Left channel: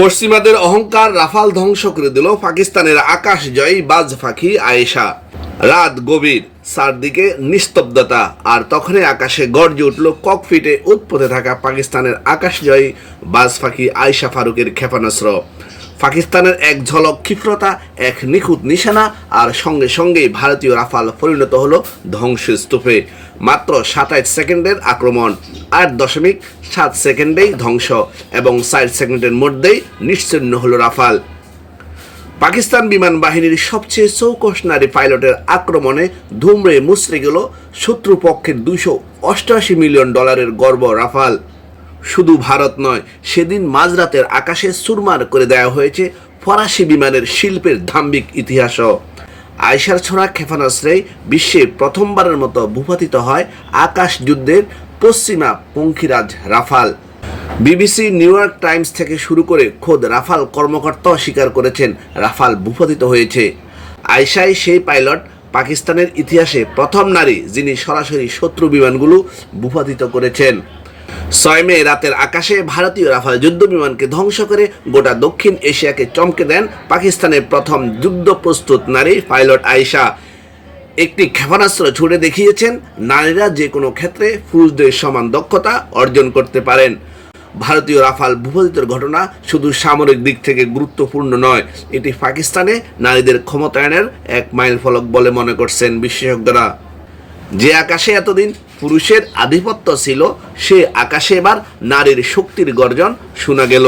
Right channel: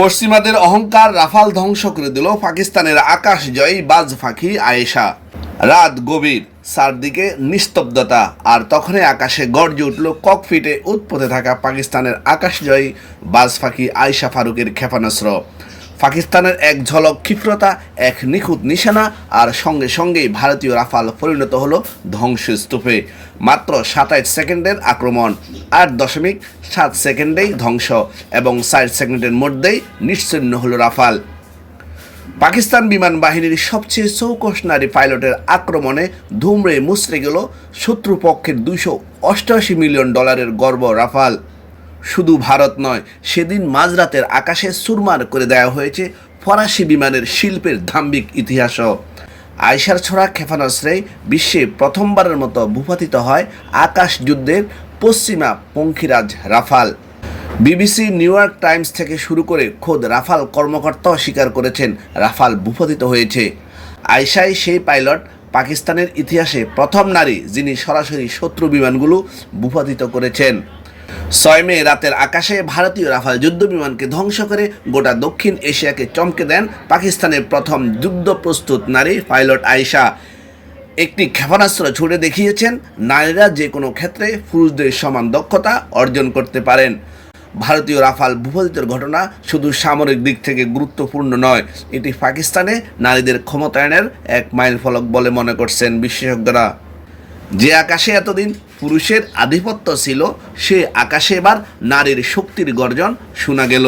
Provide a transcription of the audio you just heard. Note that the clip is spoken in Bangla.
পশ্চিমাদের অহংকার রাফাল ধ্বংস করে দিল পাকিস্তানের আকাশ জয়ী বাজ পাখি আয়েশা। রাত গভীর, চারদিকে নিস্তব্ধতা, আর তখনই আকাশে গর্জে উঠল ককপিটে উৎপথে থাকা পাকিস্তানের আকাশজয়ী বাজ পাখি আয়েশা ফারুকের ক্ষেপণাস্ত্র। পাকিস্তানের এক ঝলক ক্ষিপ্রতা, এক নিখুঁত নিশানা, আর সঙ্গে সঙ্গেই ভারতীয় রাফাল পরিণত হলো ধ্বংসস্তূপে। মাত্র 27 সেকেন্ডের আক্রমণ, 8.7 সেকেন্ডেই ধ্বংস, এবং 4 সেকেন্ডের মধ্যেই নিশ্চিহ্ন হলো রাফাল। পাকিস্তান বিমান বাহিনীর সবচেয়ে চৌকস নারী পাইলটের আক্রমণে ধুমড়ে মুচড়ে গেল শত্রুপক্ষের $288 মিলিয়ন গর্ব রাফাল। শুধু ভারত নয়, সেদিন মাঝরাতের আকাশে চুরমার করে দেওয়া হয়েছে ফরাসি বিমানের শিল্পের ধাম্বিক ইতিহাসও। আয়েশার ছোড়া ক্ষেপণাস্ত্রে বিশ্বে প্রথমবারের মতো ভূপাতিত হয় আকাশ যুদ্ধের পশ্চিমা পঙ্খিরাজ Rafale. BBC, New York Times থেকে শুরু করে খোদ রাফাল কর্মকর্তাও স্বীকার করেছেন রাফাল ভূপাতিত হয়েছে। আয়েশাই সেই পাইলট, পাকিস্তানের ইতিহাসে প্রথম নারী যিনি সরাসরি শত্রু বিমানগুলো ভূপাতিত করেছেন। 6 মে রাতের আকাশে ভারতীয় রাফাল যুদ্ধ বিমানকে ধ্বংস করে গোটা দক্ষিণ এশিয়াকে চমকে দেন পাকিস্তানের প্রথম যুদ্ধ প্রস্তুত নারী পাইলট আয়েশা। একটি ক্ষেপণাস্ত্র ছুড়ে দেখিয়েছেন নারীরা যে কোনো ক্ষেত্রে পুরুষদের সমান দক্ষতা অর্জন করতে পারেন। ভারতীয় রাফাল ভূপাতিতের ঘটনা শুধু সামরিক দিক থেকে গুরুত্বপূর্ণ নয়, এটি পাকিস্তানে নারীদের ক্ষমতায়নের এক মাইলফলক বলে মনে করছেন বিশেষজ্ঞরা। যে আকাশে এতদিন পুরুষের আধিপত্য ছিল, সে আকাশে এবার নারীর শক্তির গর্জন শোনা গেল।